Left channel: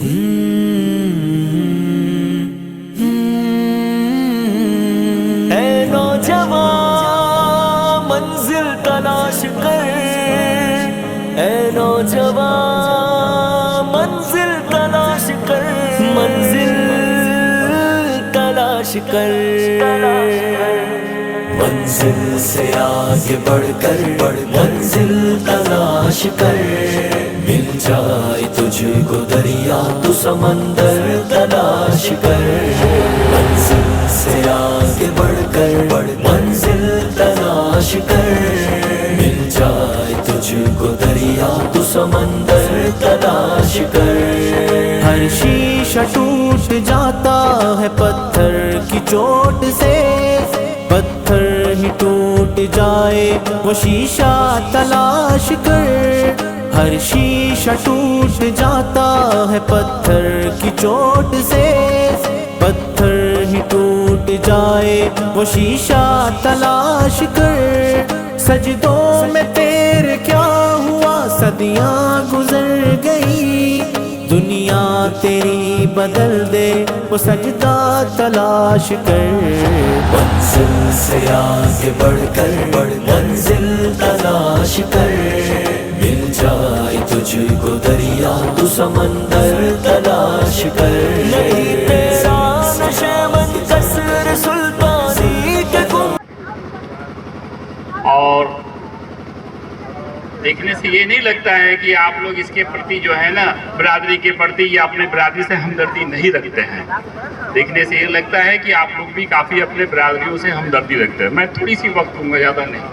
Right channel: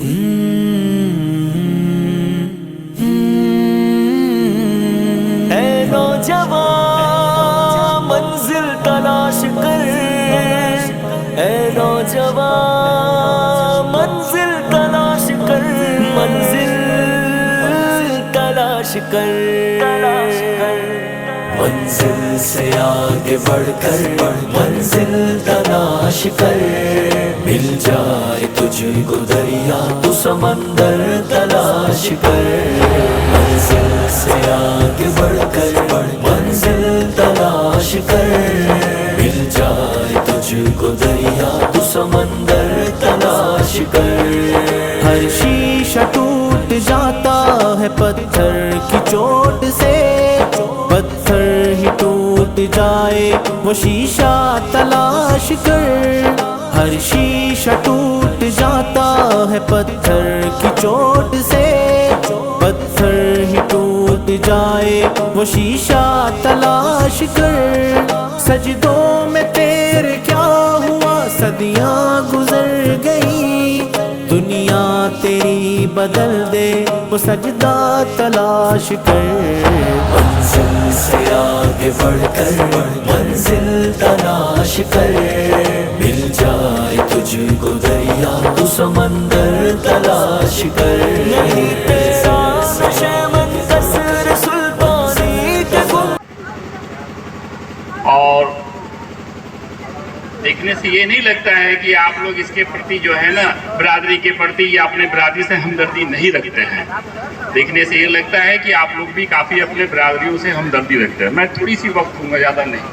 اے نوجوان منزل تلاش کر، اے نوجوان منزل تلاش کر، منزل تلاش کر، منزل سے آگے بڑھ کر منزل تلاش کر، مل جائے تجھ کو دریا تو سمندر تلاش کر، منزل سے آگے بڑھ کر منزل تلاش کر، مل جائے تجھ کو دریا تو سمندر تلاش کر، ہر شیشہ ٹوٹ جاتا ہے پتھر کی چوٹ سے، پتھر ہی ٹوٹ جائے وہ شیشہ تلاش کر، ہر شیشہ ٹوٹ جاتا ہے پتھر کی چوٹ سے، پتھر ہی ٹوٹ جائے وہ شیشہ تلاش کر، سجدوں میں تیرے کیا ہوا صدیاں گزر گئی، دنیا تیری بدل دے وہ سجدہ تلاش کر، منزل سے آگے بڑھ کر منزل تلاش کر، مل جائے تجھ کو دریا تو سمندر تلاش کر، نہیں تیرا نشے من قصر سلطانی کے گم۔ اور دیکھنے سے یہ نہیں لگتا ہے کہ آپ لوگ اس کے پرتی جو ہے نا برادری کے پرتی یا اپنے برادری سے ہمدردی نہیں رکھتے ہیں، دیکھنے سے یہ لگتا ہے کہ آپ لوگ بھی کافی اپنے برادریوں سے ہمدردی رکھتے ہیں۔ میں تھوڑی سی وقت دوں گا، زیادہ نہیں۔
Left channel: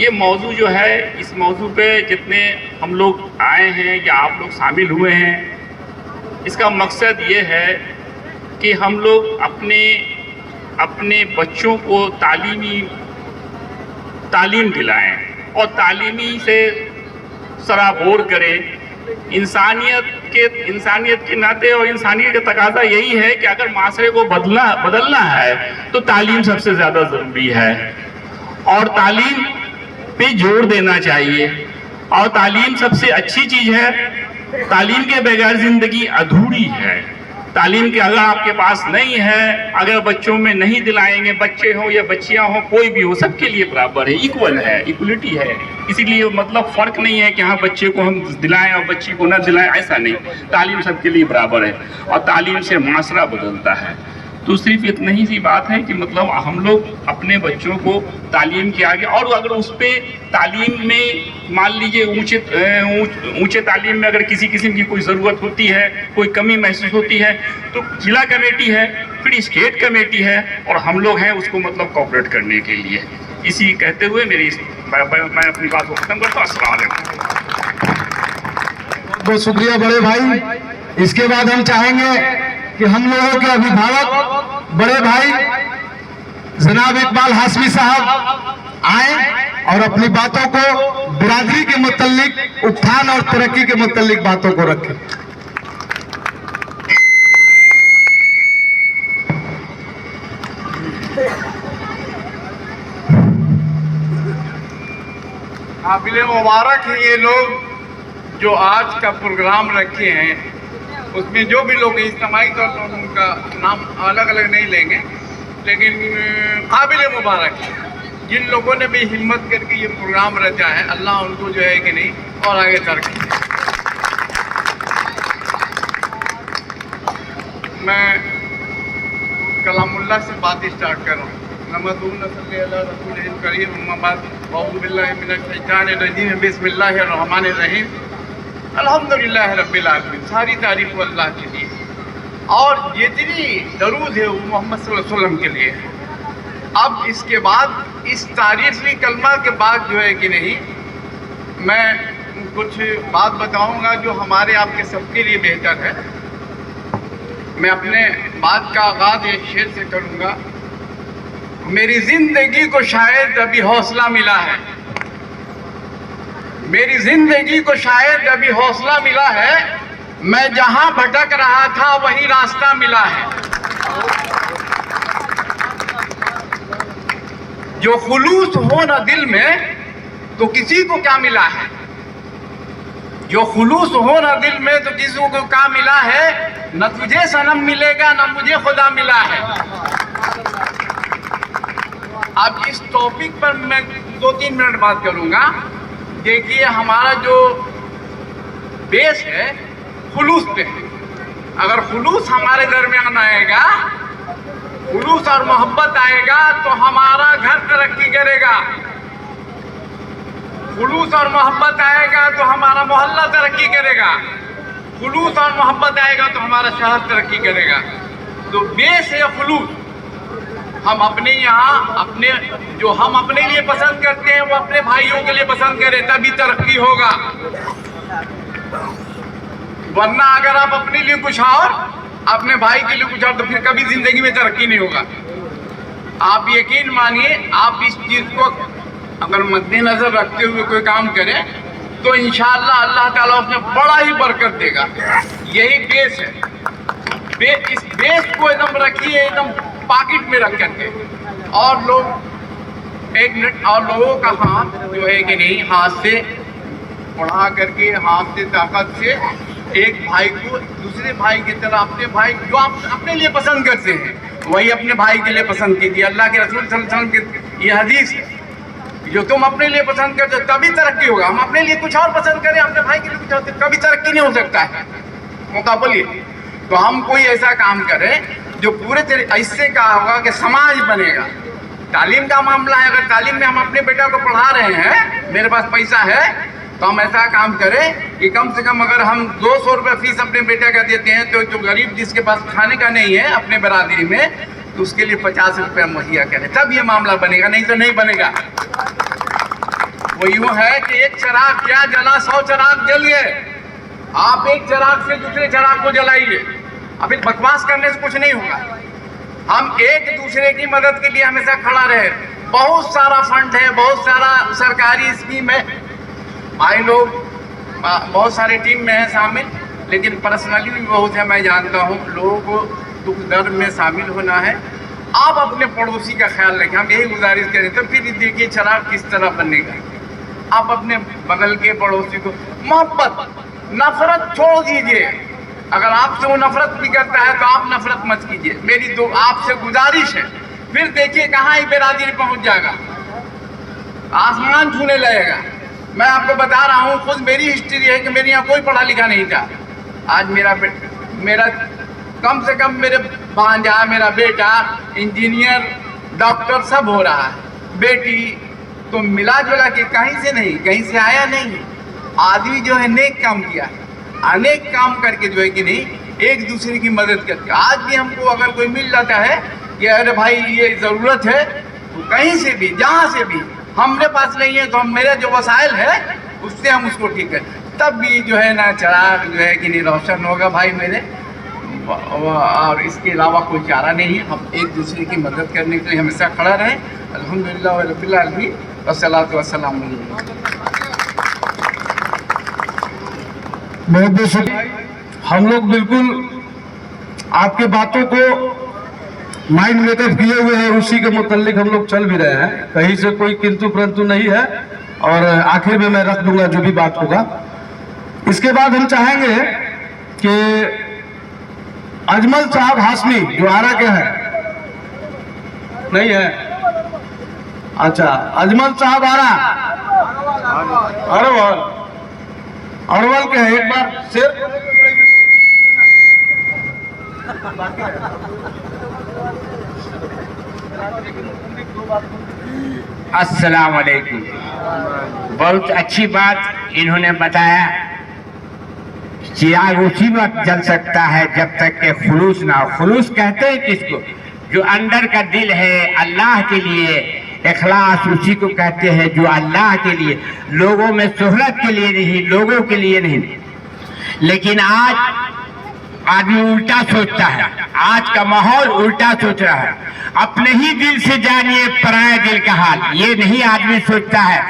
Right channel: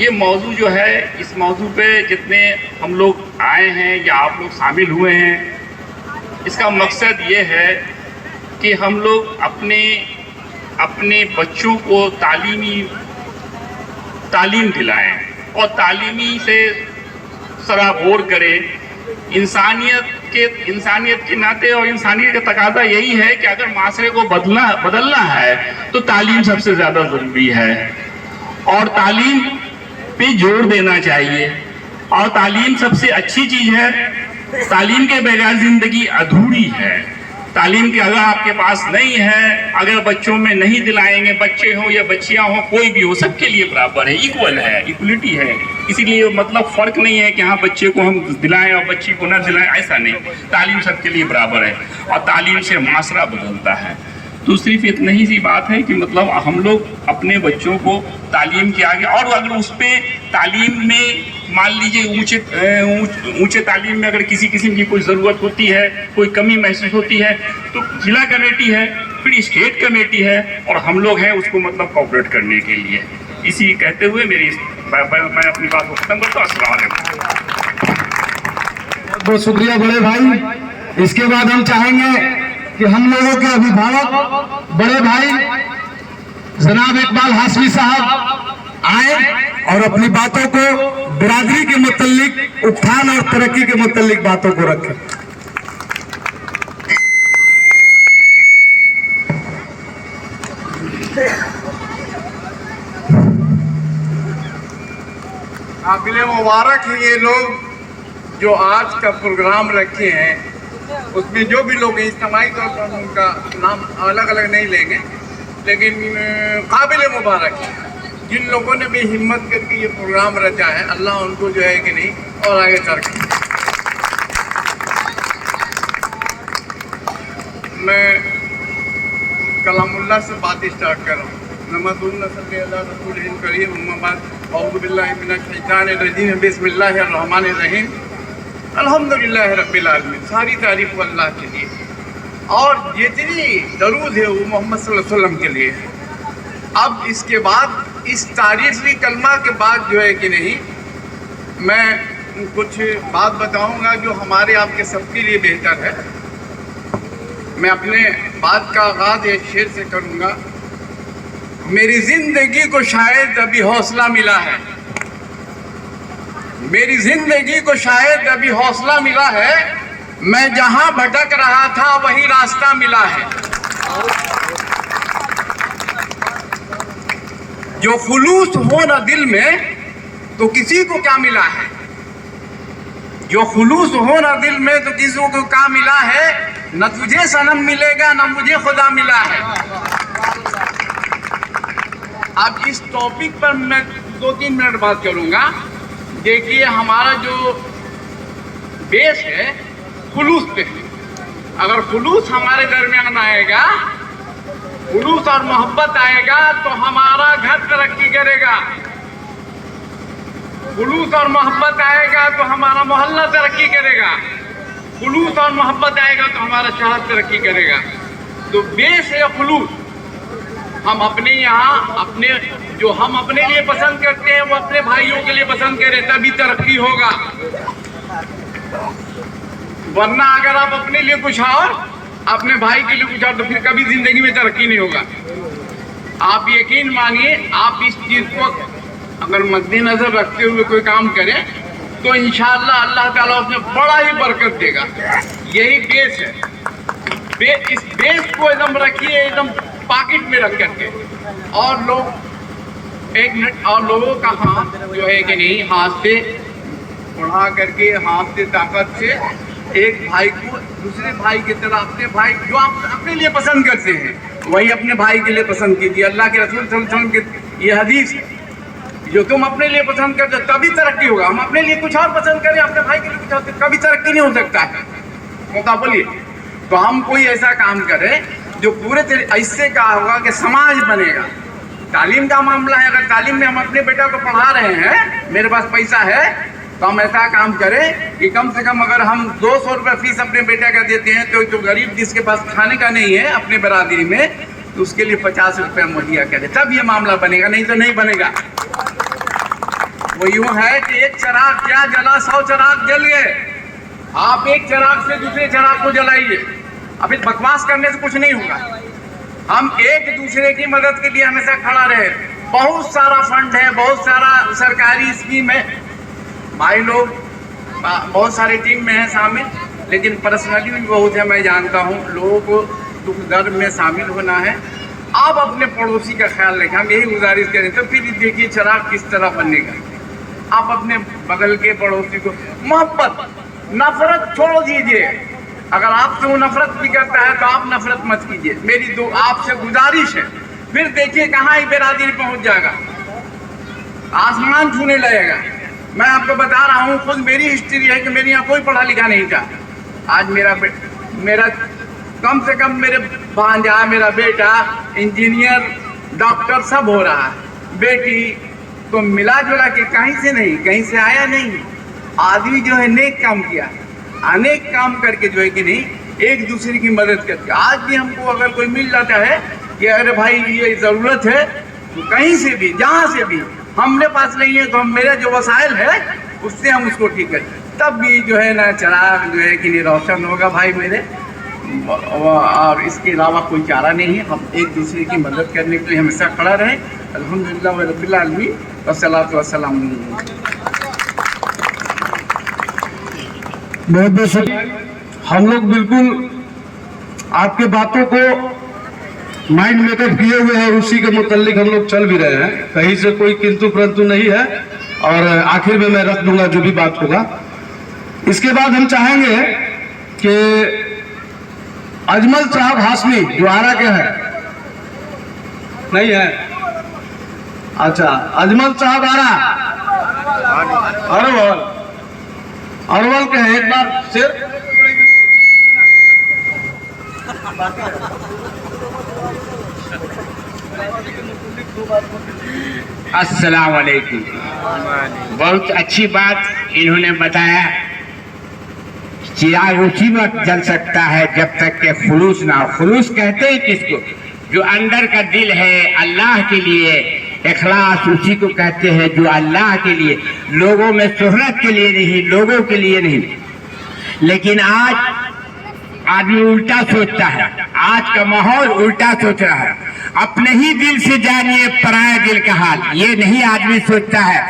یہ موضوع جو ہے، اس موضوع پہ جتنے ہم لوگ آئے ہیں یا آپ لوگ شامل ہوئے ہیں، اس کا مقصد یہ ہے کہ ہم لوگ اپنے بچوں کو تعلیم دلائیں اور تعلیمی سے سرابور کریں، انسانیت کے ناطے اور انسانیت کا تقاضا یہی ہے کہ اگر معاشرے کو بدلنا ہے تو تعلیم سب سے زیادہ ضروری ہے، اور تعلیم پہ زور دینا چاہیے، اور تعلیم سب سے اچھی چیز ہے، تعلیم کے بغیر زندگی ادھوری ہے، تعلیم کے اگر آپ کے پاس نہیں ہے، اگر بچوں میں نہیں دلائیں گے، بچے ہوں یا بچیاں ہوں، کوئی بھی ہو، سب کے لیے برابر ہے، ایکول ہے، ایکولیٹی ہے، اسی لیے مطلب فرق نہیں ہے کہ ہاں بچے کو ہم دلائیں اور بچی کو نہ دلائیں، ایسا نہیں، تعلیم سب کے لیے برابر ہے، اور تعلیم سے معاشرہ بدلتا ہے۔ تو صرف اتنا ہی سی بات ہے کہ مطلب ہم لوگ اپنے بچوں کو تعلیم کے آگے، اور اگر اس پہ تعلیم میں مان لیجئے اونچے تعلیم میں اگر کسی قسم کی کوئی ضرورت ہوتی ہے، کوئی کمی محسوس ہوتی ہے، تو ضلع کمیٹی ہے، پھر اسٹیٹ کمیٹی ہے، اور ہم لوگ ہیں اس کو مطلب کوآپریٹ کرنے کے لیے۔ اسی کہتے ہوئے میں اپنی بات کو ختم کرتا ہوں۔ السلام علیکم۔ بہت شکریہ بڑے بھائی۔ اس کے بعد ہم چاہیں گے کہ ہم لوگوں کے ابھیبھاوک بڑے بھائی جناب اقبال ہاشمی صاحب آئیں اور اپنی باتوں کو برادری کے متعلق، اتھان اور ترقی کے متعلق باتوں کو رکھیں۔ قابل مبارک ہیں یہ لوگ جو آج کا پروگرام رکھے ہیں، اس میں جو بھی لوگ اجتماعی طور پر ان کا نام الگ الگ نہیں لیں گے، لیکن قابل مبارک ہے جن لوگوں نے بھی ہمت کر کے یہ پروگرام رکھا ہے، اللہ ان کو جو ہے کہ نہیں اور آگے ترقی۔ میں کلام اللہ سے بات اسٹارٹ کر رہا ہوں۔ نحمدہ صلی اللہ رسول کریم، اما بعد، اعوذ باللہ من الشیطان الرجیم، بسم اللہ الرحمن الرحیم، الحمدللہ رب العالمین۔ ساری تعریف وہ اللہ کے لیے، اور جتنی درود ہے وہ محمد صلی اللہ علیہ وسلم کے لیے۔ اب اس کے بعد، اس تعریفی کلمہ کے بعد جو ہے کہ نہیں، میں کچھ بات بتاؤں گا جو ہمارے آپ کے سب کے لیے بہتر ہے۔ میں اپنے بات کا آغاز ایک شعر سے کروں گا۔ میری زندگی کو شاید ابھی حوصلہ ملا ہے، میری زندگی کو شاید ابھی حوصلہ ملا ہے، میں جہاں بھٹک رہا تھا وہی راستہ ملا ہے، جو خلوص ہو نہ دل میں تو کسی کو کیا ملا ہے، जो खुलूस हो ना दिल में तो किसी को क्या मिला है, न तुझे सनम मिलेगा न मुझे खुदा मिला है। अब इस टॉपिक पर मैं 2-3 मिनट बात करूंगा। देखिए हमारा जो बेस है खुलूस पे है। अगर खुलूस हमारे दरमियान आएगा, खुलूस और मोहब्बत आएगा तो हमारा घर तरक्की करेगा। खुलूस और मोहब्बत आएगा तो हमारा मोहल्ला तरक्की करेगा। खुलूस और मोहब्बत आएगा तो हमारा शहर तरक्की करेगा। तो बेस है खुलूस। हम अपने यहाँ जो हम अपने लिए पसंद करते हैं वो अपने भाइयों के लिए पसंद करें, तभी तरक्की होगा। वरना अगर आप अपने लिए कुछ और अपने भाई के लिए कुछ और तो फिर कभी जिंदगी में तरक्की नहीं होगा। आप यकीन मानिए, आप इस चीज को अगर मद्देनजर रखते हुए कोई काम करें तो इंशाअल्लाह अल्लाह ताला उसमें बड़ा ही बरकत देगा। यही बेस है। इस बेस को एकदम रखिए, एकदम पॉकेट में रख करके। और लोग एक मिनट, और लोगों का हाथ जो है कि नहीं, हाथ से उड़ा करके, हाथ से ताकत से एक भाई को दूसरे भाई की तरह, अपने भाई जो आप अपने लिए पसंद करते हैं वही अपने भाई के लिए पसंद कीजिए। अल्लाह के रसूल सल्लल्लाहु अलैहि वसल्लम की ये हदीस है, जो तुम अपने लिए पसंद करते हो तभी तरक्की होगा। हम अपने लिए कुछ और पसंद करें, अपने भाई के लिए कुछ और, तो कभी तरक्की नहीं हो सकता है। मौका बोलिए। तो हम कोई ऐसा काम करें जो पूरे इससे क्या होगा कि समाज बनेगा। तालीम का मामला है, अगर तालीम में हम अपने बेटा को पढ़ा रहे हैं, मेरे पास पैसा है, तो हम ऐसा काम करें कि कम से कम अगर हम 200 रुपये फीस अपने बेटा का देते हैं तो जो गरीब जिसके पास खाने का नहीं है अपने बरादरी में, तो उसके लिए 50 रुपये मुहैया करें, तब ये मामला बनेगा, नहीं तो नहीं बनेगा। वो यूं है कि एक चिराग क्या जला, 100 चिराग जल गए। आप एक चिराग से दूसरे चिराग को जलाइए। अब इस बकवास करने से कुछ नहीं होगा। हम एक दूसरे की मदद के लिए हमेशा खड़ा रहे। बहुत सारा फंड है, बहुत सारा सरकारी स्कीम है, भाई लोग बहुत सारे टीम में हैं शामिल, लेकिन पर्सनली भी बहुत है, मैं जानता हूँ। लोगों को दुख दर्द में शामिल होना है। आप अपने पड़ोसी का ख्याल रखें, हम यही गुजारिश करें। तो फिर देखिए चिराग किस तरह बनेगा। आप अपने बगल के पड़ोसी को मोहब्बत, नफरत छोड़ दीजिए। अगर आपसे वो नफरत भी करता है तो आप नफरत मत कीजिए। मेरी आपसे गुजारिश है। फिर देखिए कहाँ ही बेरादरी पहुंच जाएगा, आसमान छूने लगेगा। मैं आपको बता रहा हूँ, खुद मेरी हिस्ट्री है कि मेरे यहाँ कोई पढ़ा लिखा नहीं था। आज मेरा कम से कम मेरे भांजा, मेरा बेटा इंजीनियर, डॉक्टर सब हो रहा है। बेटी तो मिला जुला के कहीं से नहीं, कहीं से आया नहीं। आदमी जो है नेक काम किया है, अनेक काम करके जो है कि नहीं, एक दूसरे की मदद करके। आज भी हमको अगर कोई मिल जाता है कि अरे भाई ये ज़रूरत है, तो कहीं से भी, जहाँ से भी, हमने पास नहीं है तो हम मेरा जो वसाइल है उससे हम उसको ठीक करें, तब भी जो है ना चिराग जो है कि नहीं रोशन होगा भाई मेरे। और इसके अलावा कोई चारा नहीं है। हम एक दूसरे की मदद करने के लिए हमेशा खड़ा रहें। अल्हम्दुलिल्लाह रब्बिल आलमीन वस्सलातु वस्सलाम। बहुत बहुत शुक्रिया। हम लोग बिल्कुल आपके बातों को माइंड मेकअप किए हुए हैं, उसी के मुतालिक हम लोग चल भी रहे हैं। कहीं से कोई किंतु परंतु नहीं है। और आखिर में मैं रख दूंगा जो भी बात होगा। इसके बाद हम चाहेंगे कि अजमल साहब हाशमी जो आरा के हैं, नहीं है, अच्छा, अजमल साहब आरा अरवल के हैं, एक बार से अस्सलाम वालेकुम। बहुत अच्छी बात इन्होंने बताया। चिराग उसी वक्त जल सकता है जब तक के खुलूस ना हो। खुलूस कहते हैं किसको? जो अंदर का दिल है अल्लाह के लिए, इखलास उसी को कहते हैं जो अल्लाह के लिए, लोगों में शोहरत के लिए नहीं, लोगों के लिए नहीं। लेकिन आज आदमी उल्टा सोचता है, आज का माहौल उल्टा सोच रहा है। अपने ही दिल से जानिए पराये दिल का हाल, ये नहीं आदमी सोचता है।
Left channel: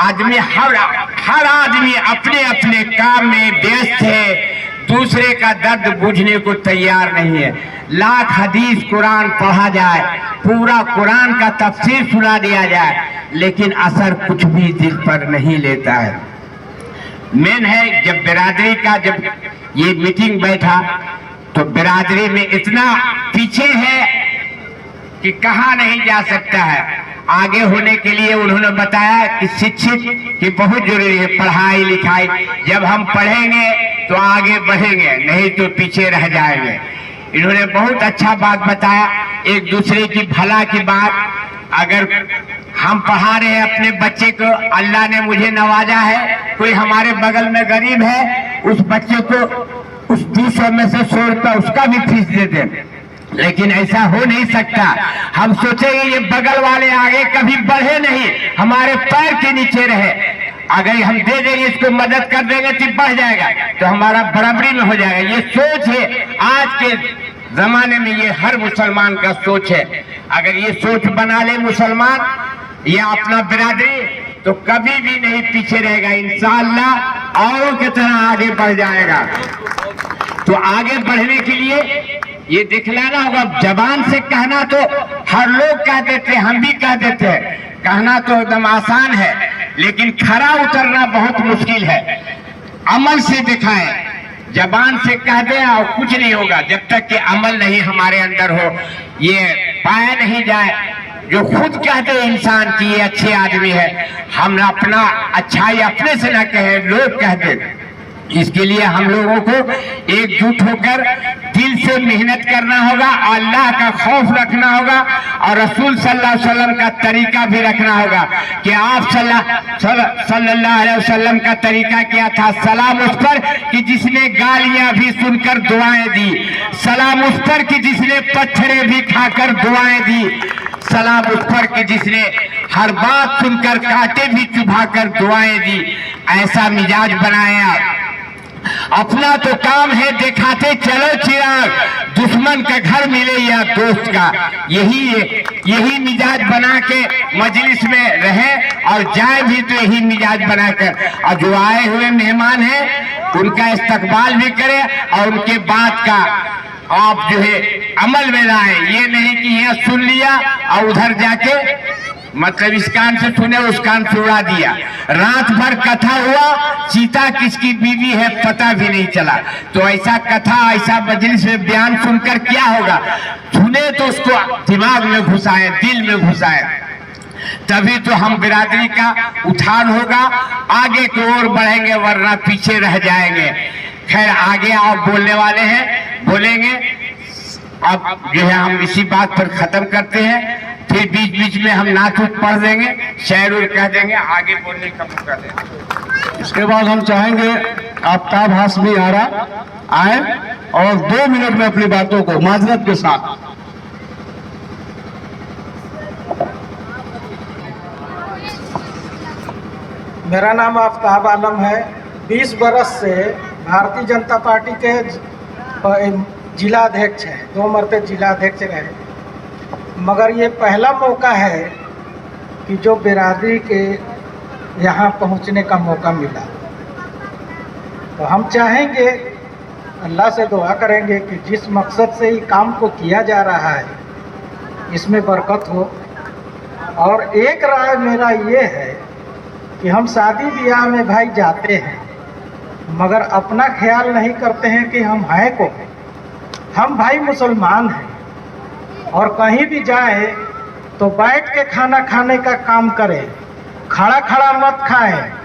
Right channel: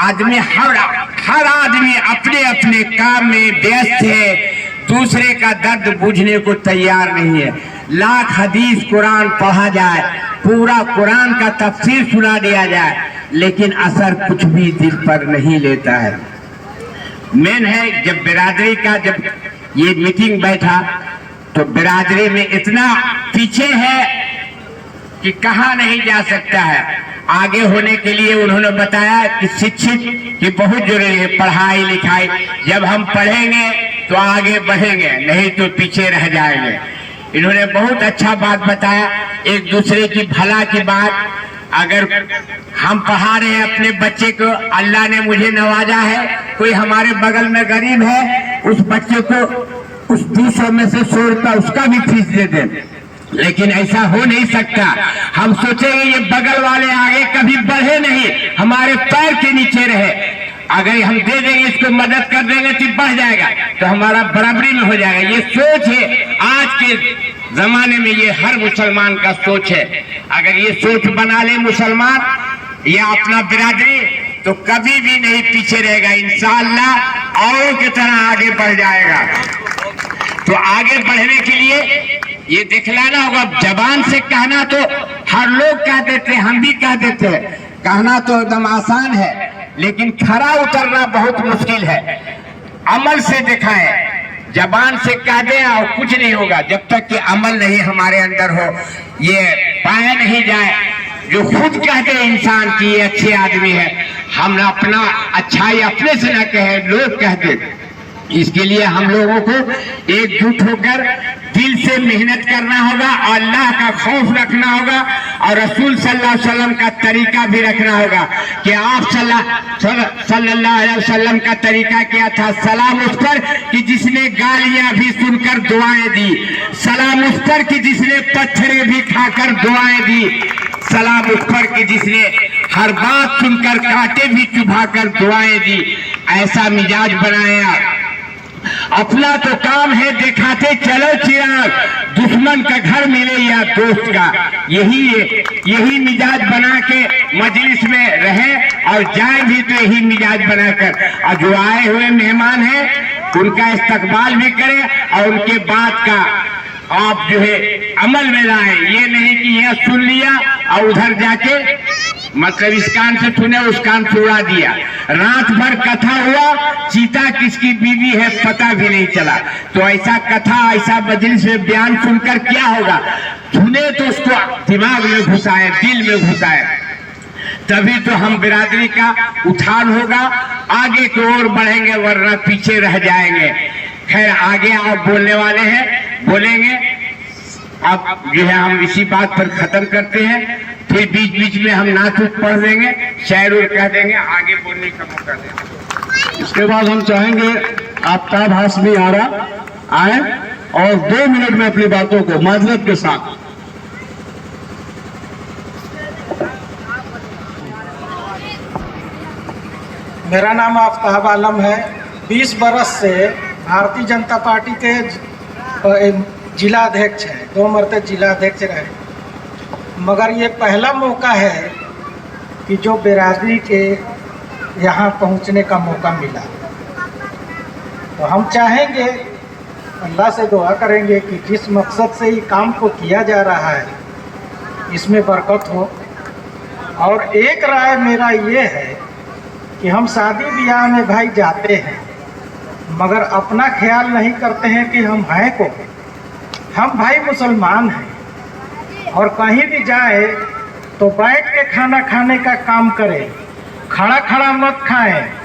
आदमी हर आदमी अपने अपने काम में व्यस्त है, दूसरे का दर्द बुझने को तैयार नहीं है। लाख हदीस कुरान पढ़ा जाए, पूरा कुरान का तफसीर सुना दिया जाए, लेकिन असर कुछ भी दिल पर नहीं लेता है। मेन है जब बिरादरी का जब ये मीटिंग बैठा तो बिरादरी में इतना पीछे है कि कहा नहीं जा सकता है। आगे होने के लिए उन्होंने बताया कि शिक्षित की बहुत जरूरी है, पढ़ाई लिखाई। जब हम पढ़ेंगे तो आगे बढ़ेंगे, नहीं तो पीछे रह जाएंगे। इन्होंने बहुत अच्छा बात बताया, एक दूसरे की भला की बात। अगर हम पढ़ा रहे हैं अपने बच्चे को, अल्लाह ने मुझे नवाजा है, कोई हमारे बगल में गरीब है, उस बच्चे को उस 200 में से 100 रुपया उसका भी फीस दे दें। लेकिन ऐसा हो नहीं सकता। हम सोचेंगे ये बगल वाले आगे कभी बढ़े नहीं, हमारे पैर के नीचे रहे। अगर हम दे देंगे, इसको मदद कर देंगे तो बढ़ जाएगा, तो हमारा बराबरी में हो जाएगा। ये सोच है आज के जमाने में, ये हर मुसलमान का सोच है। अगर ये सोच बना ले मुसलमान या अपना बिरादरी, तो कभी भी नहीं पीछे रहेगा, इंशाअल्लाह औरों की तरह आगे बढ़ जाएगा। तो आगे बढ़ने के लिए ये दिखलाना होगा। जबान से कहना तो हर लोग कह देते हैं, हम भी कह देते हैं, कहना तो एकदम आसान है, लेकिन खरा उतरना बहुत मुश्किल है। अमल से दिखाएं, जबान से कह दें और कुछ नहीं होगा जब तक कि अमल नहीं हमारे अंदर हो, ये पाया नहीं जाए। जो खुद कहते हैं इंसान की ये अच्छे आदमी है, हम अपना अच्छाई अपने से न कहें, लोग कहते। इसके लिए हम लोगों को एकजुट होकर दिल से मेहनत करना होगा, अल्लाह का खौफ रखना होगा और रसूल सल्लल्लाहु अलैहि वसल्लम का तरीका भी रखना होगा कि आप सल्लल्लाहु अलैहि वसल्लम का तरीका क्या था। सलाम उस पर कि जिसने गालियां भी सुनकर दुआएं दी, सलाम उस पर कि जिसने पत्थरें भी खाकर दुआएं दी, सलाम उस पर कि जिसने हर बात सुनकर कांटे भी चुभाकर दुआएं दी। ऐसा मिजाज बनाया। अपना तो काम है दिखाते चलो चिराग, दुश्मन का घर मिले या दोस्त का। यही मिजाज बना के मजलिस में रहे और जाए भी तो यही मिजाज बनाकर, और जो आए हुए मेहमान हैं उनका इस्तकबाल भी करें और उनके बात का आप जो है अमल में लाए। ये नहीं कि यहाँ सुन लिया और उधर जाके मतलब इस कान से सुने उस कान से उड़ा दिया। रात भर कथा हुआ, चीता किसकी बीवी है पता भी नहीं चला। तो ऐसा कथा, ऐसा मजलिस में बयान सुनकर क्या होगा? सुने तो उसको दिमाग में घुसाए, दिल में घुसाए, तभी तो हम बिरादरी का उत्थान होगा, आगे की ओर बढ़ेंगे, वरना पीछे रह जाएंगे। खैर आगे आप बोलने वाले हैं, बोलेंगे। अब जो है हम इसी बात पर खत्म करते हैं, फिर बीच बीच में हम नात पढ़ देंगे, शायर कह देंगे, आगे बोलने का मौका देंगे। इसके बाद हम चाहेंगे आफ्ताब हाशमी आरा आए और 2 मिनट में अपनी बातों को माजरत के साथ। मेरा नाम आफ्ताब आलम है। 20 बरस से भारतीय जनता पार्टी के जिला अध्यक्ष हैं, 2 मरतबा जिला अध्यक्ष रहे। मगर ये पहला मौका है कि जो बिरादरी के यहाँ पहुँचने का मौका मिला। तो हम चाहेंगे, अल्लाह से दुआ करेंगे कि जिस मकसद से ये काम को किया जा रहा है इसमें बरकत हो। और एक राय मेरा ये है कि हम शादी ब्याह में भाई जाते हैं मगर अपना ख्याल नहीं करते हैं कि हम हैं को। हम भाई मुसलमान हैं और कहीं भी जाए तो बैठ के खाना खाने का काम करें, खड़ा खड़ा मत खाएं।